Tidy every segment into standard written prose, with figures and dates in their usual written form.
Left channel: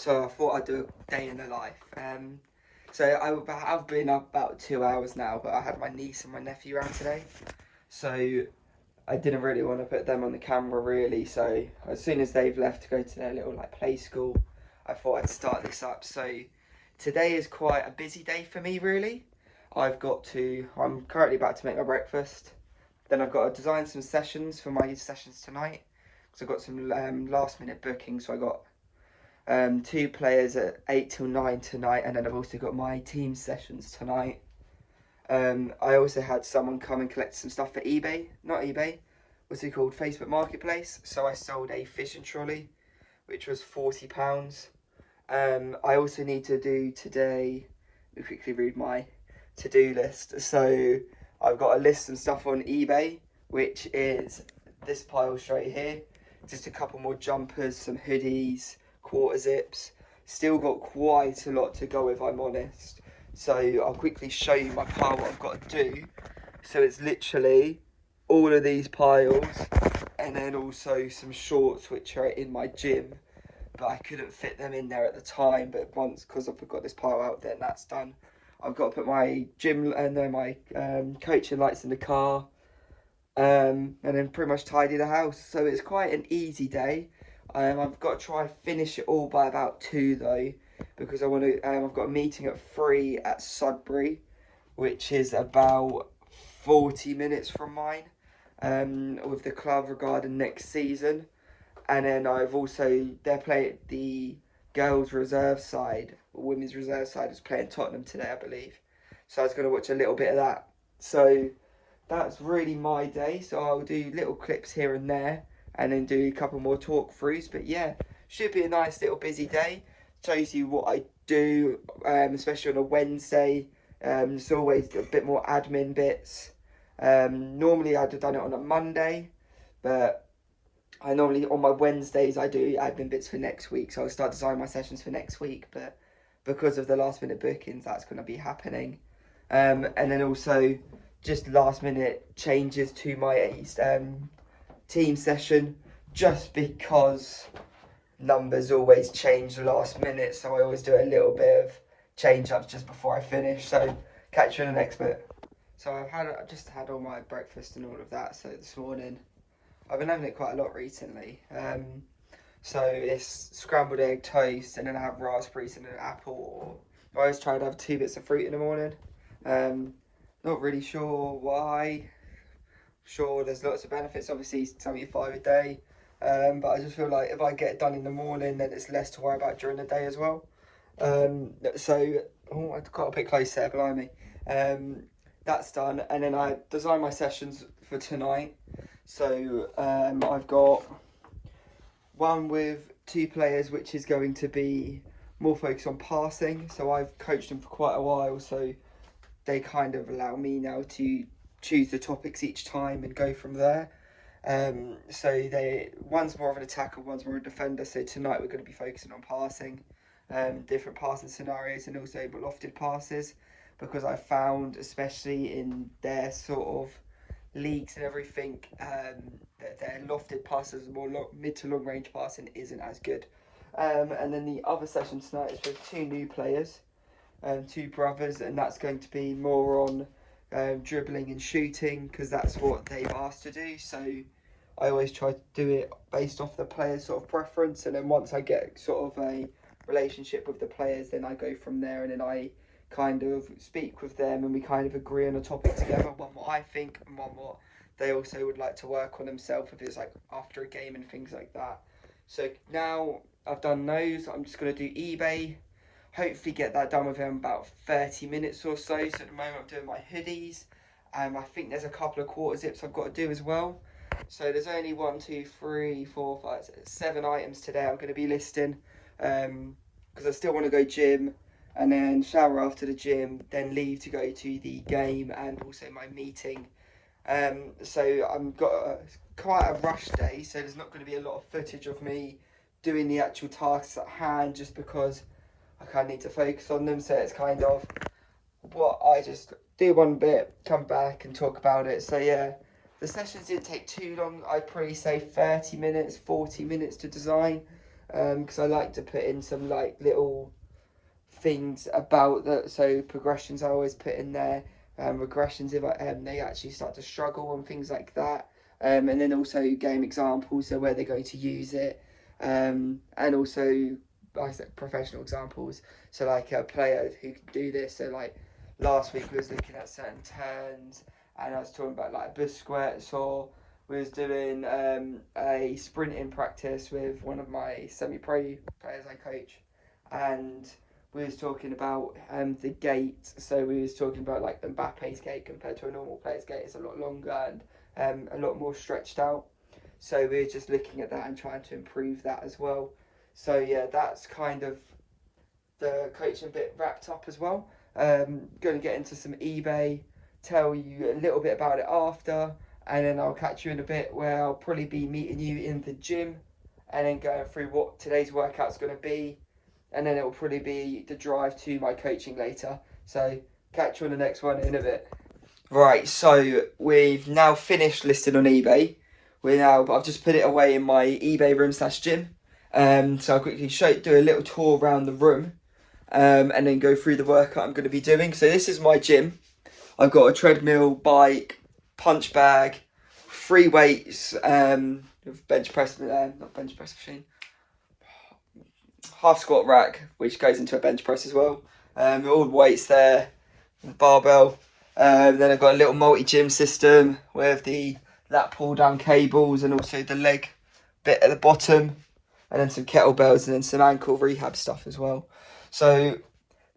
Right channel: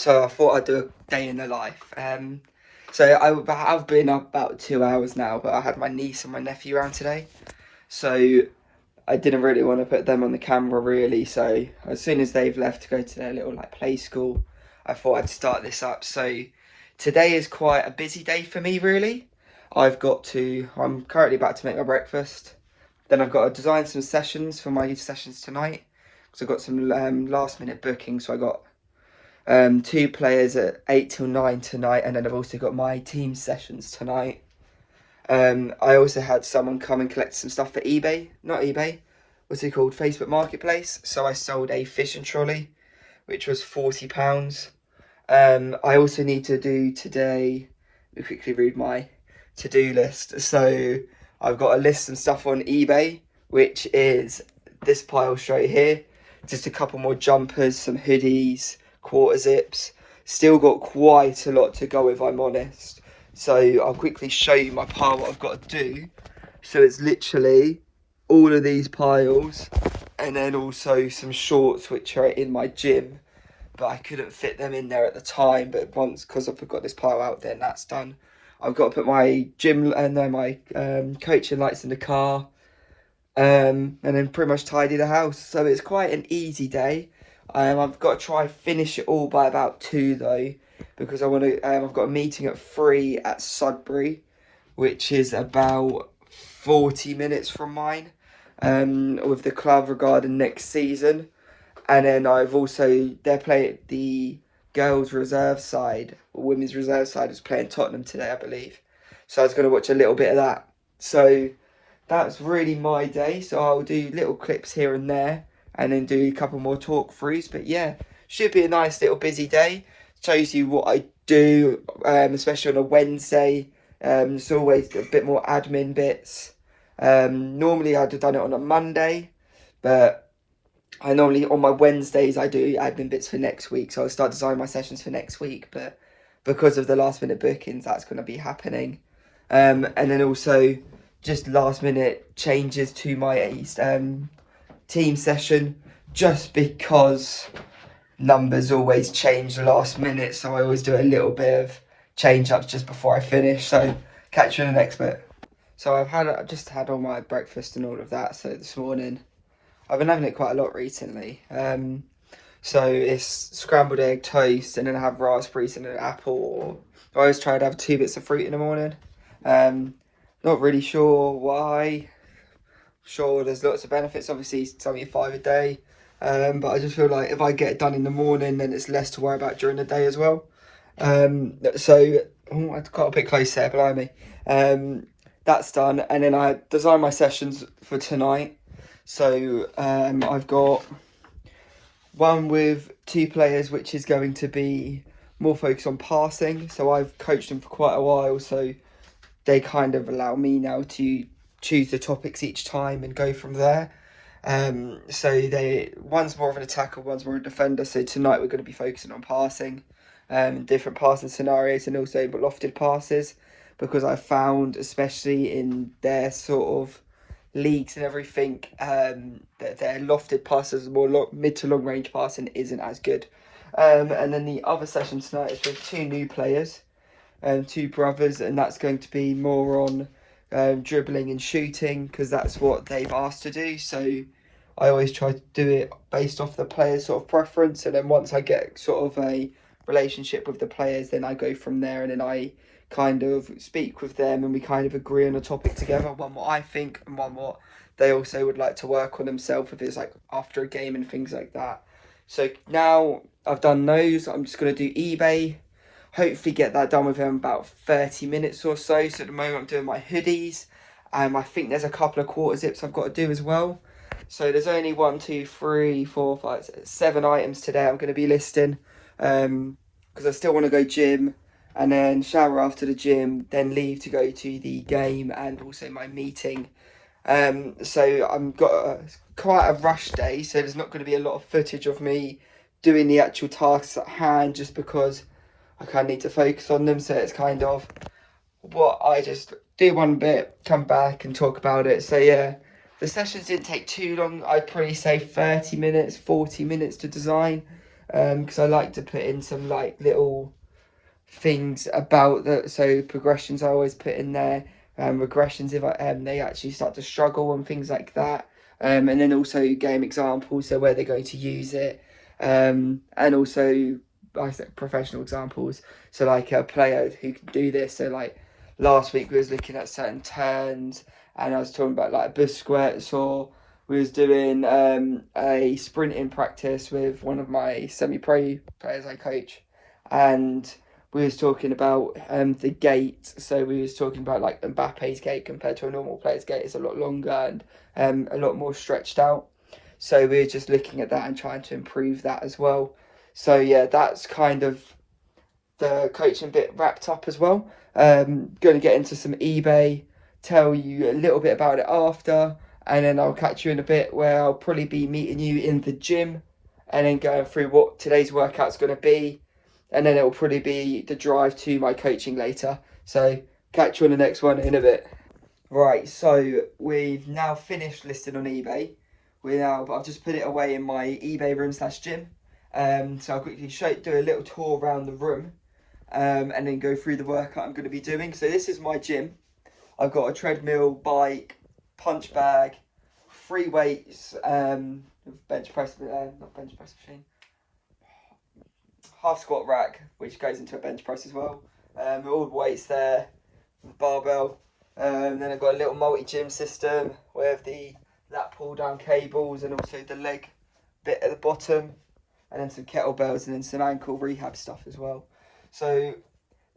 So I thought I'd do a day in the life. So I've been up about 2 hours now, but I had my niece and my nephew around today. So I didn't really want to put them on the camera really. So as soon as they've left to go to their little like play school, I thought I'd start this up. So today is quite a busy day for me really. I'm currently about to make my breakfast. Then I've got to design some sessions for my sessions tonight. So I've got some last minute bookings. So I got two players at 8 till 9 tonight, and then I've also got my team sessions tonight. I also had someone come and collect some stuff for eBay, not eBay, what's it called, Facebook Marketplace. So I sold a fishing trolley, which was £40. I also need to do today, let me quickly read my to-do list. So I've got to list some stuff on eBay, which is this pile straight here. Just a couple more jumpers, some hoodies, quarter zips. Still got quite a lot to go if I'm honest. So I'll quickly show you my pile, what I've got to do. So it's literally all of these piles, and then also some shorts which are in my gym, but I couldn't fit them in there at the time. But once, because I've got this pile out there and that's done, I've got to put my gym and then my coaching lights in the car, and then pretty much tidy the house. So it's quite an easy day. I've got to try finish it all by about 2 though, because I want to. I've got a meeting at 3 at Sudbury, which is about 40 minutes from mine, with the club regarding next season. And then they're playing the girls' reserve side, or women's reserve side is playing Tottenham today, I believe. So I was going to watch a little bit of that. So that's really my day. So I'll do little clips here and there, and then do a couple more talk throughs. But yeah, should be a nice little busy day. Shows you what I do, especially on a Wednesday. It's always a bit more admin bits. Normally I'd have done it on a Monday, but I normally, on my Wednesdays, I do admin bits for next week. So I'll start designing my sessions for next week. But because of the last minute bookings, that's going to be happening. And then also just last minute changes to my team session, just because numbers always change last minute. So I always do a little bit of change ups just before I finish. So catch you in the next bit. So I've just had all my breakfast and all of that. So this morning, I've been having it quite a lot recently. So it's scrambled egg toast, and then I have raspberries and an apple. I always try to have 2 bits of fruit in the morning. Not really sure why. Sure, there's lots of benefits. Obviously, it's only 5 a day. But I just feel like if I get it done in the morning, then it's less to worry about during the day as well. I've got a bit close there, below me. That's done, and then I design my sessions for tonight. So I've got one with 2 players, which is going to be more focused on passing. So I've coached them for quite a while, so they kind of allow me now to choose the topics each time and go from there. One's more of an attacker, one's more a defender. So tonight we're going to be focusing on passing, different passing scenarios, and also lofted passes, because I found, especially in their sort of leagues and everything, that their lofted passes, mid to long range passing, isn't as good. And then the other session tonight is with 2 new players, 2 brothers, and that's going to be more on dribbling and shooting, because that's what they've asked to do. So I always try to do it based off the player's sort of preference, and then once I get sort of a relationship with the players, then I go from there, and then I kind of speak with them, and we kind of agree on a topic together, one what I think and one what they also would like to work on themselves, if it's like after a game and things like that. So now I've done those, I'm just going to do eBay, hopefully get that done within about 30 minutes or so. So at the moment I'm doing my hoodies, and I think there's a couple of quarter zips I've got to do as well. So there's only 1, 2, 3, 4, 5, 7 items today I'm going to be listing, because I still want to go gym, and then shower after the gym, then leave to go to the game and also my meeting. So I've got quite a rush day, so there's not going to be a lot of footage of me doing the actual tasks at hand, just because I kind of need to focus on them. So it's kind of what I just do one bit, come back and talk about it. So yeah, the sessions didn't take too long. I'd probably say 30 minutes, 40 minutes to design. because I like to put in some like little things about so progressions I always put in there, regressions if they actually start to struggle and things like that, and then also game examples, so where they're going to use it, and also I think professional examples, so like a player who can do this. So like last week we was looking at certain turns, and I was talking about like Busquets, or we was doing a sprinting practice with one of my semi-pro players I coach, and we was talking about the gait. So we was talking about like Mbappe's gait compared to a normal player's gait is a lot longer and a lot more stretched out. So we were just looking at that and trying to improve that as well. So yeah, that's kind of the coaching bit wrapped up as well. Going to get into some eBay, tell you a little bit about it after, and then I'll catch you in a bit where I'll probably be meeting you in the gym and then going through what today's workout's going to be, and then it will probably be the drive to my coaching later. So catch you on the next one in a bit. Right, so we've now finished listing on eBay. I've just put it away in my eBay room / gym. So I'll quickly do a little tour around the room, and then go through the workout I'm going to be doing. So this is my gym. I've got a treadmill, bike, punch bag, 3 weights, bench press, not bench press machine, half squat rack, which goes into a bench press as well. All the weights there, barbell. Then I've got a little multi-gym system with the lat pull down cables and also the leg bit at the bottom, and then some kettlebells and then some ankle rehab stuff as well. So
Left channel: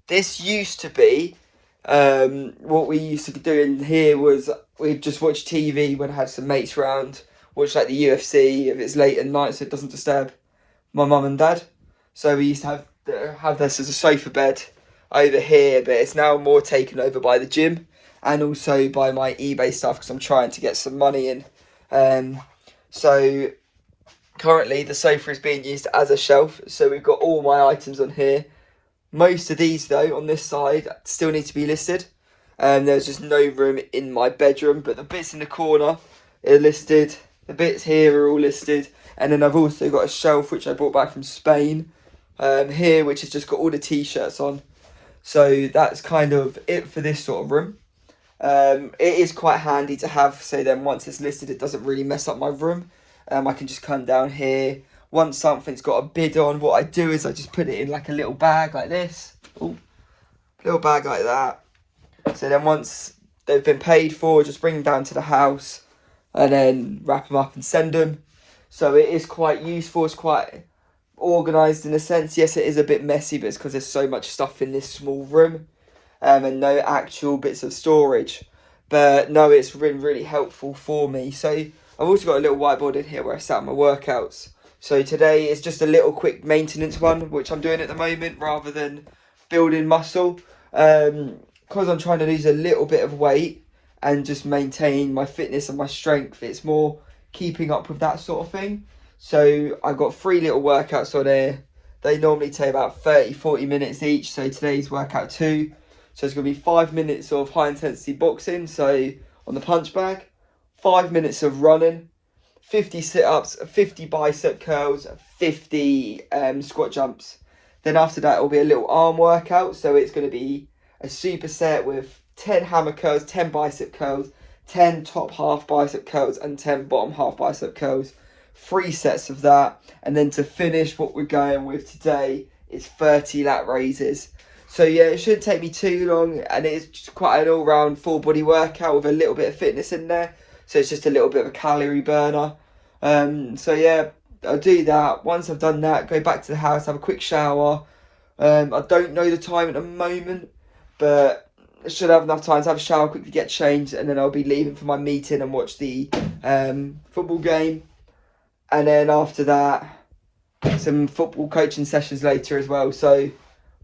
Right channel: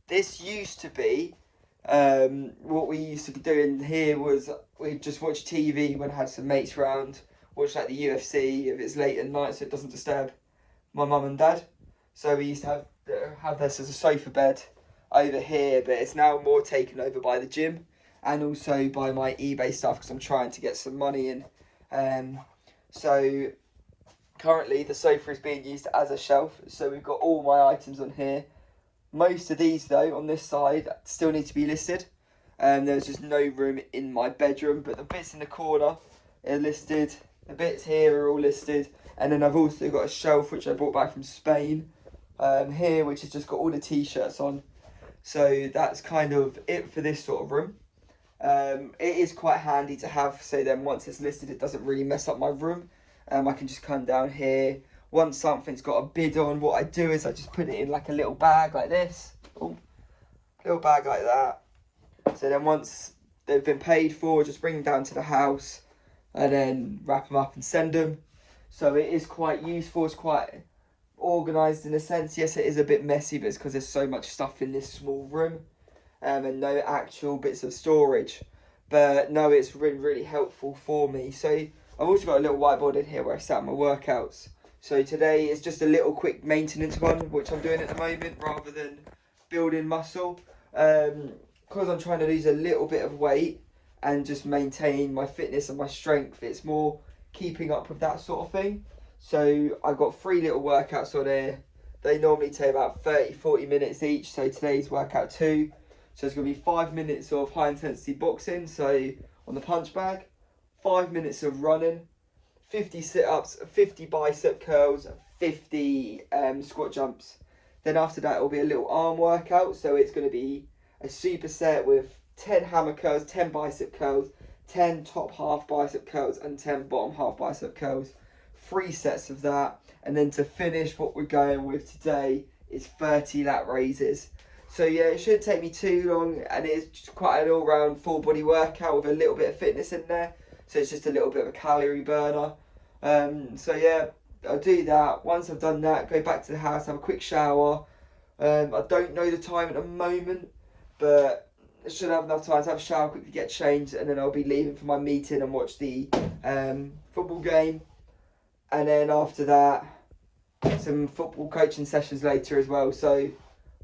this used to be, what we used to be doing here was we'd just watch TV when I had some mates around, watch like the UFC if it's late at night so it doesn't disturb my mum and dad. So we used to have this as a sofa bed over here, but it's now more taken over by the gym and also by my eBay stuff because I'm trying to get some money in. So currently the sofa is being used as a shelf, so we've got all my items on here. Most of these though on this side still need to be listed. There's just no room in my bedroom, but the bits in the corner are listed, the bits here are all listed, and then I've also got a shelf which I brought back from Spain here, which has just got all the t-shirts on. So that's kind of it for this sort of room. It is quite handy to have, so then once it's listed it doesn't really mess up my room. I can just come down here. Once something's got a bid on, what I do is I just put it in like a little bag like this. Ooh, little bag like that. So then once they've been paid for, just bring them down to the house and then wrap them up and send them. So it is quite useful, it's quite organised in a sense. Yes, it is a bit messy, but it's because there's so much stuff in this small room and no actual bits of storage. But no, it's been really helpful for me. So I've also got a little whiteboard in here where I set up my workouts. So today is just a little quick maintenance one, which I'm doing at the moment rather than building muscle. Because I'm trying to lose a little bit of weight and just maintain my fitness and my strength, it's more keeping up with that sort of thing. So I've got 3 little workouts on here. They normally take about 30-40 minutes each. So today's workout 2. So it's going to be 5 minutes of high intensity boxing, so on the punch bag, 5 minutes of running, 50 sit-ups, 50 bicep curls, 50 squat jumps. Then after that, it will be a little arm workout. So it's going to be a superset with 10 hammer curls, 10 bicep curls, 10 top half bicep curls, and 10 bottom half bicep curls. 3 sets of that. And then to finish, what we're going with today is 30 lat raises. So yeah, it shouldn't take me too long, and it's just quite an all-round full body workout with a little bit of fitness in there. So it's just a little bit of a calorie burner. So yeah, I'll do that. Once I've done that, go back to the house, have a quick shower. I don't know the time at the moment, but I should have enough time to have a shower, quickly get changed, and then I'll be leaving for my meeting and watch the football game. And then after that, some football coaching sessions later as well. So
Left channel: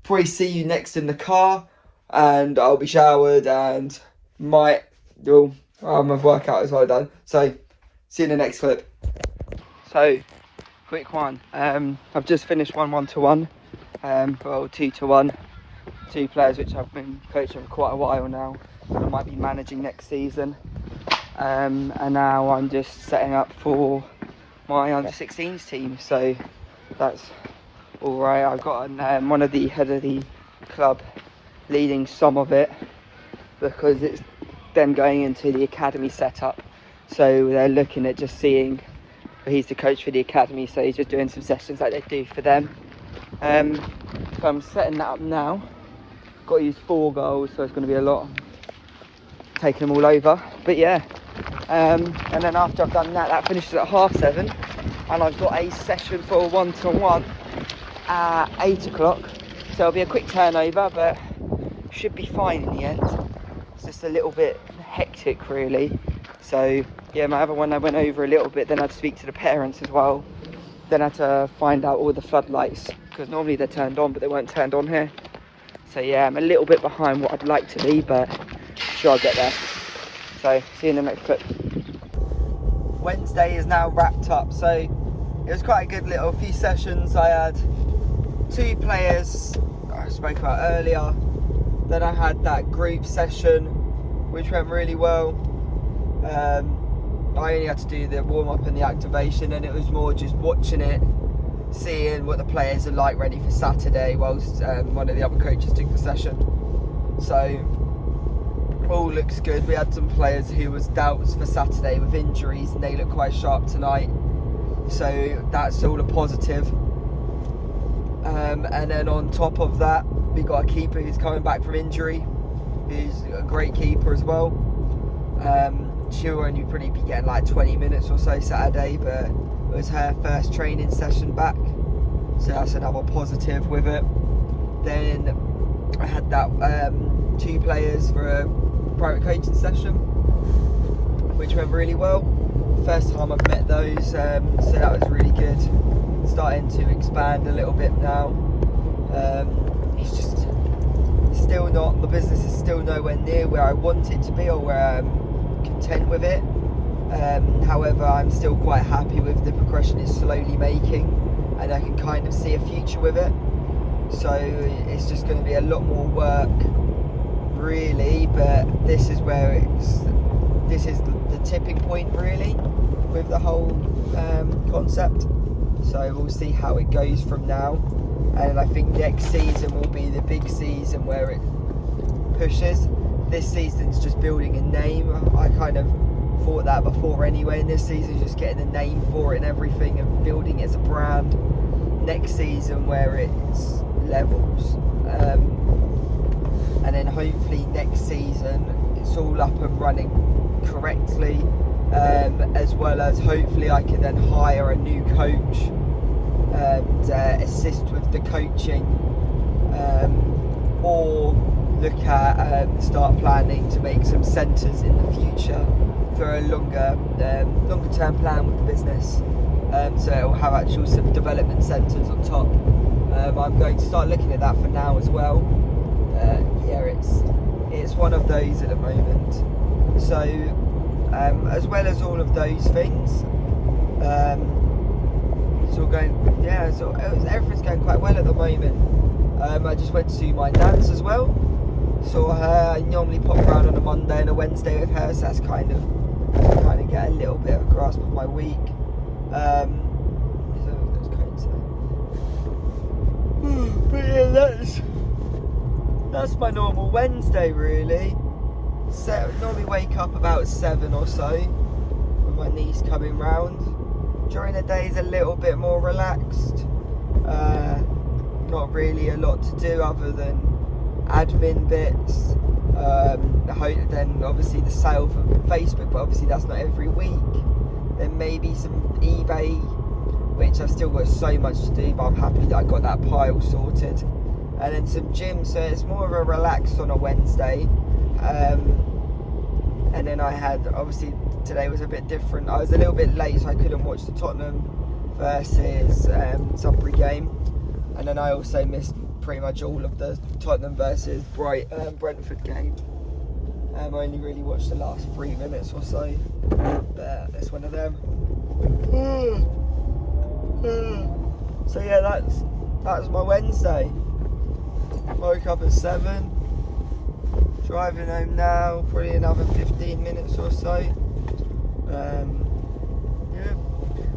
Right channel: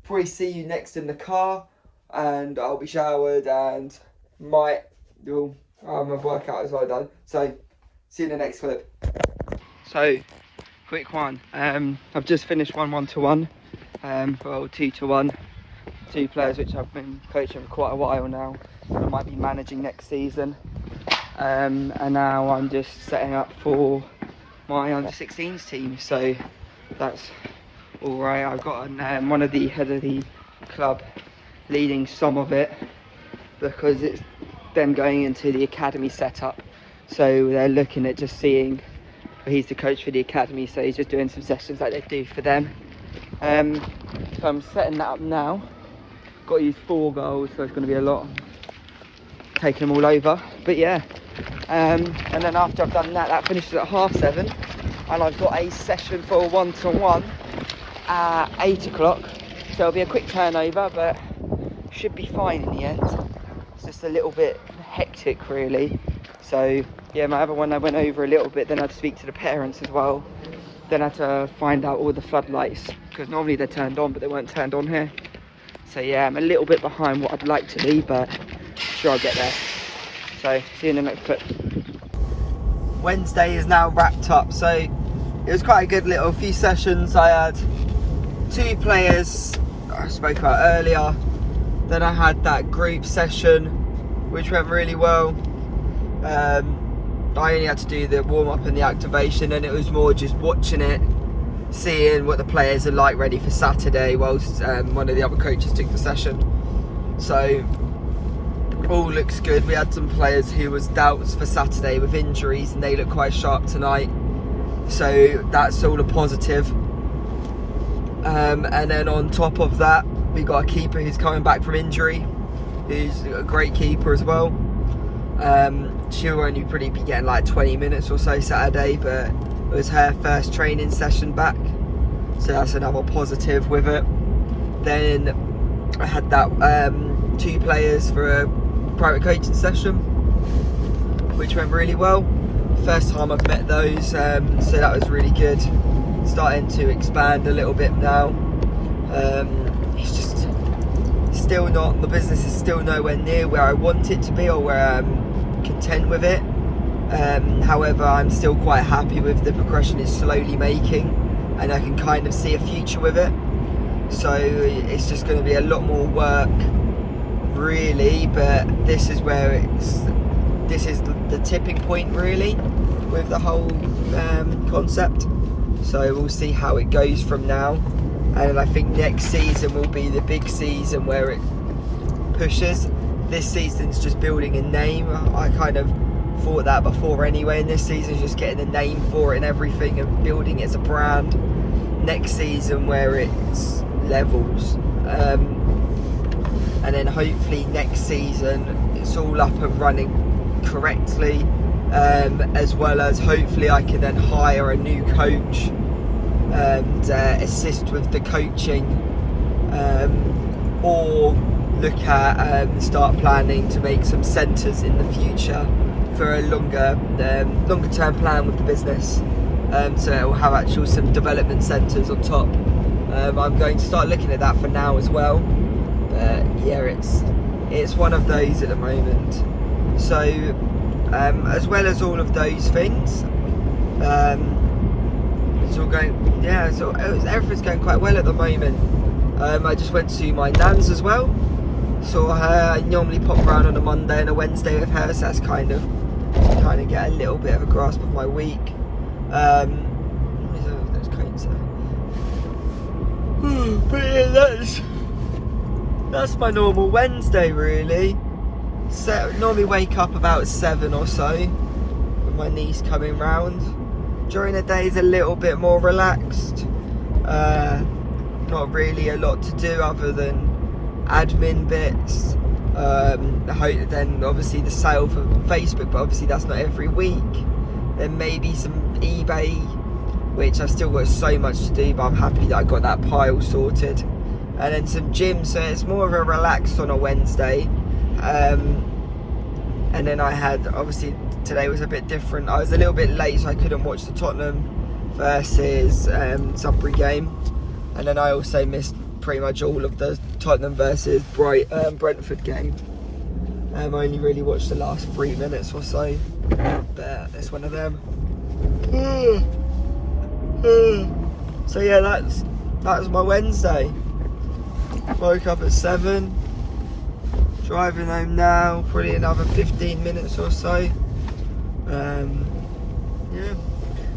probably see you next in the car, and I'll be showered and might do my workout as well done. So see you in the next clip. So quick one, I've just finished 1-1-1, well 2-1, 2 players which I've been coaching for quite a while now, but I might be managing next season, and now I'm just setting up for my under-16s team. So that's all right. I've got one of the head of the club leading some of it because it's them going into the academy setup. So they're looking at just seeing. He's the coach for the academy, so he's just doing some sessions like they do for them. So I'm setting that up now. Got to use 4 goals, so it's going to be a lot. Taking them all over, but yeah. And then after I've done that, that finishes at 7:30, and I've got a session for a 1-to-1 at 8 o'clock. So it'll be a quick turnover, but should be fine in the end. It's just a little bit hectic, really. So yeah, my other one I went over a little bit. Then I had to speak to the parents as well. Then I had to find out all the floodlights, because normally they're turned on, but they weren't turned on here. So yeah, I'm a little bit behind what I'd like to be, but sure I'll get there. So see you in the next clip. Wednesday is now wrapped up, so it was quite a good little few sessions. I had 2 players I spoke about earlier. Then I had that group session, which went really well. I only had to do the warm-up and the activation, and it was more just watching it, seeing what the players are like ready for Saturday, whilst one of the other coaches took the session. So all looks good. We had some players who was doubts for Saturday with injuries, and they look quite sharp tonight, so that's all a positive. And then on top of that, we got a keeper who's coming back from injury, who's a great keeper as well. She'll only probably be getting like 20 minutes or so Saturday, but it was her first training session back, so that's another positive with it. Then I had that 2 players for a private coaching session, which went really well. First time I've met those, so that was really good. Starting to expand a little bit now. It's just still not, the business is still nowhere near where I want it to be, or where I'm content with it. However, I'm still quite happy with the progression it's slowly making, and I can kind of see a future with it. So it's just going to be a lot more work, really, but this is where this is the tipping point, really, with the whole concept. So we'll see how it goes from now, and I think next season will be the big season where it pushes. This season's just building a name. I kind of thought that before anyway, and this season's just getting a name for it and everything, and building it as a brand. Next season where it's levels, and then hopefully next season it's all up and running correctly, as well as hopefully I can then hire a new coach and assist with the coaching, or look at start planning to make some centres in the future for a longer term plan with the business. So it will have actual some development centres on top. I'm going to start looking at that for now as well. But yeah, it's one of those at the moment. So as well as all of those things, it's all going, yeah, so everything's going quite well at the moment. I just went to my dad's as well. Saw her. I normally pop around on a Monday and a Wednesday with her, so that's kind of get a little bit of a grasp of my week. But yeah, that's my normal Wednesday, really. So normally wake up about 7 or so with my niece coming round. During the day is a little bit more relaxed. Not really a lot to do other than admin bits. Then obviously the sale for Facebook, but obviously that's not every week. Then maybe some eBay, which I've still got so much to do, but I'm happy that I got that pile sorted. And then some gym, so it's more of a relaxed on a Wednesday. And then I had, obviously today was a bit different. I was a little bit late, so I couldn't watch the Tottenham versus Sunbury game. And then I also missed pretty much all of the Tottenham versus Brentford game. I only really watched the last 3 minutes or so, but it's one of them. So yeah, that was my Wednesday. Woke up at 7, driving home now, probably another 15 minutes or so. Yeah,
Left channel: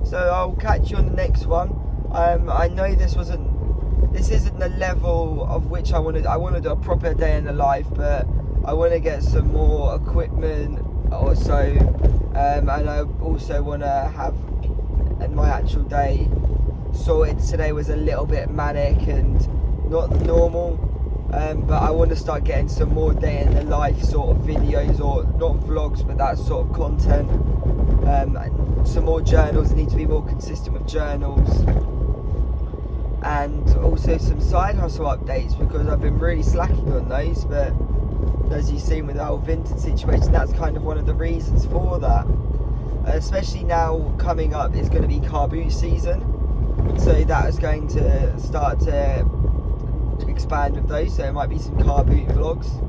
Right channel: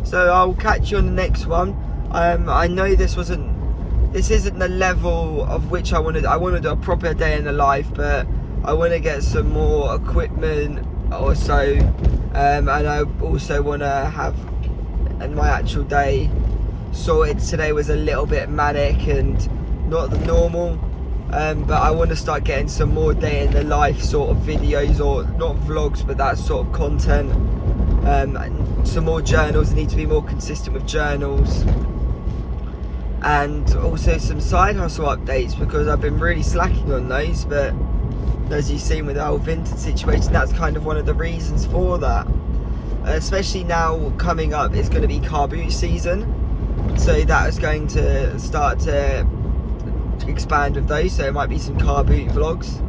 so I'll catch you on the next one. I know this isn't the level of which I want to do a proper day in the life, but I want to get some more equipment also, and I also want to have my actual day sorted. Today was a little bit manic and not the normal, but I want to start getting some more day in the life sort of videos, or not vlogs, but that sort of content, and some more journals. I need to be more consistent with journals, and also some side hustle updates, because I've been really slacking on those. But as you've seen with the whole vintage situation, that's kind of one of the reasons for that. Especially now coming up is going to be car boot season, so that is going to start to expand with those, so it might be some car boot vlogs.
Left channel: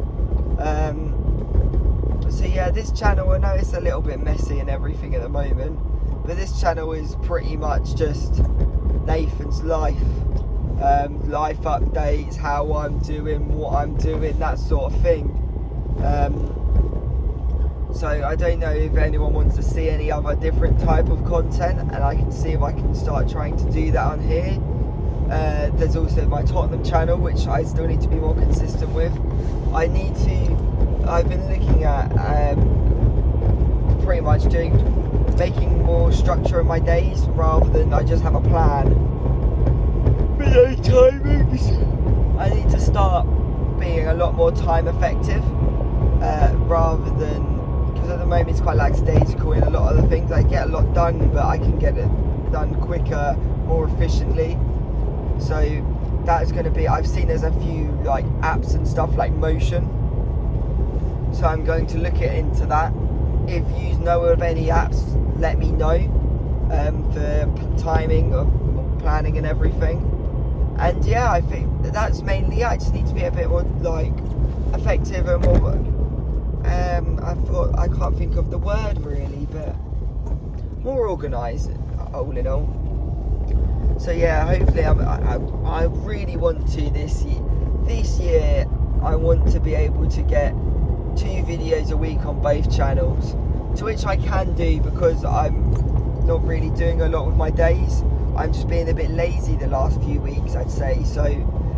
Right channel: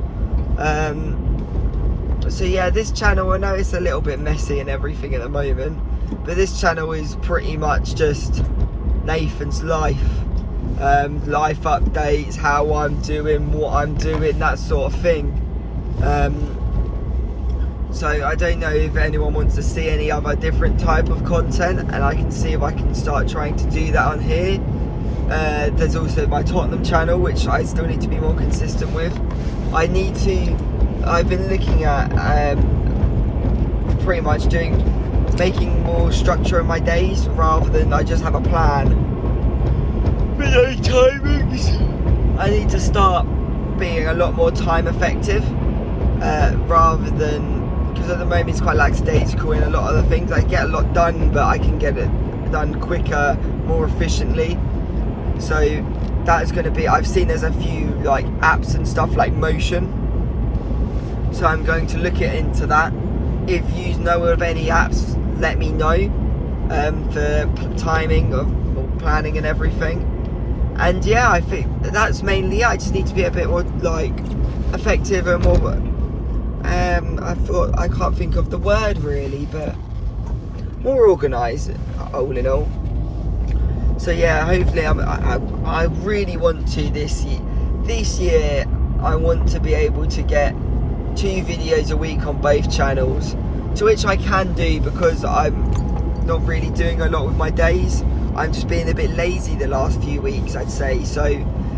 So yeah, this channel, I know it's a little bit messy and everything at the moment, but this channel is pretty much just Nathan's life, life updates, how I'm doing, what I'm doing, that sort of thing. So I don't know if anyone wants to see any other different type of content, and I can see if I can start trying to do that on here. There's also my Tottenham channel, which I still need to be more consistent with. I've been looking at pretty much making more structure in my days, rather than I just have a plan. Video timings. I need to start being a lot more time effective, rather than, because at the moment it's quite lackadaisical in a lot of the things. I get a lot done, but I can get it done quicker, more efficiently. So that is going to be, I've seen there's a few like apps and stuff like Motion, so I'm going to look into that. If you know of any apps, let me know, for timing or planning and everything. And yeah, I think that's mainly it. I just need to be a bit more like effective and more I can't think of the word really, but more organised, all in all. So yeah, hopefully I really want to this year I want to be able to get 2 videos a week on both channels, to which I can do, because I'm not really doing a lot with my days. I'm just being a bit lazy the last few weeks, I'd say. So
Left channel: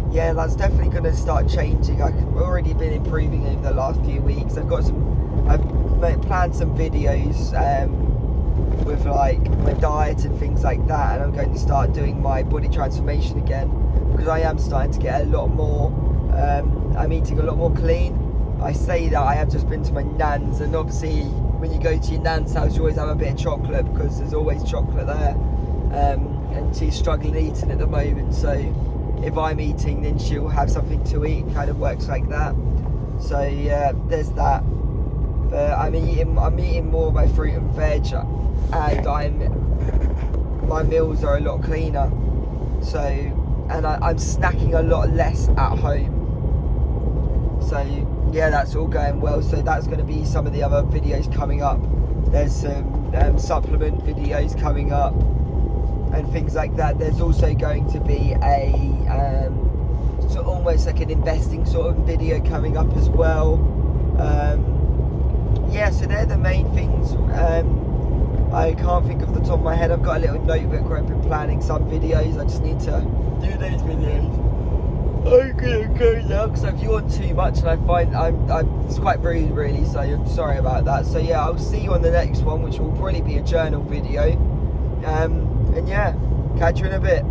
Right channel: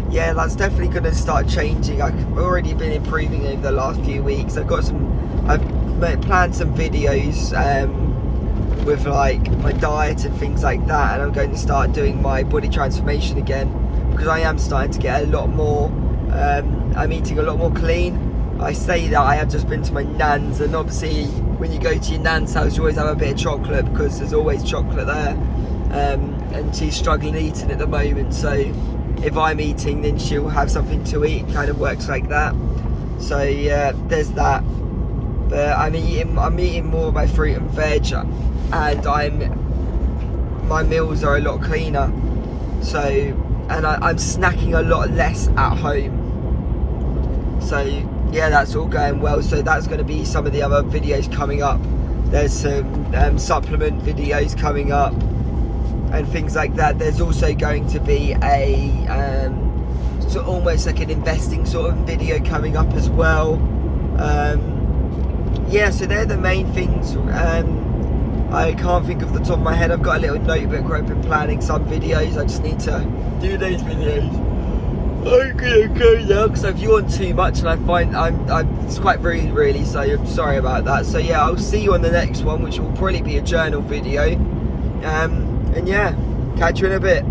yeah, that's definitely going to start changing. I've already been improving over the last few weeks. I've planned some videos with like my diet and things like that, and I'm going to start doing my body transformation again, because I am starting to get a lot more, I'm eating a lot more clean. I say that I have just been to my nan's, and obviously when you go to your nan's house you always have a bit of chocolate, because there's always chocolate there, and she's struggling eating at the moment, so if I'm eating then she'll have something to eat. It kind of works like that. So yeah, there's that. But I'm eating more of my fruit and veg, and my meals are a lot cleaner. So, and I'm snacking a lot less at home. So yeah, that's all going well. So that's going to be some of the other videos coming up. There's some supplement videos coming up and things like that. There's also going to be a so almost like an investing sort of video coming up as well. Yeah, so they're the main things. I can't think of the top of my head. I've got a little notebook where I've been planning some videos. I just need to do those videos. I'm gonna go now, because I've yawned too much, and I find it's quite rude really, so I'm sorry about that. So yeah, I'll see you on the next one, which will probably be a journal video. And yeah, catch you in a bit.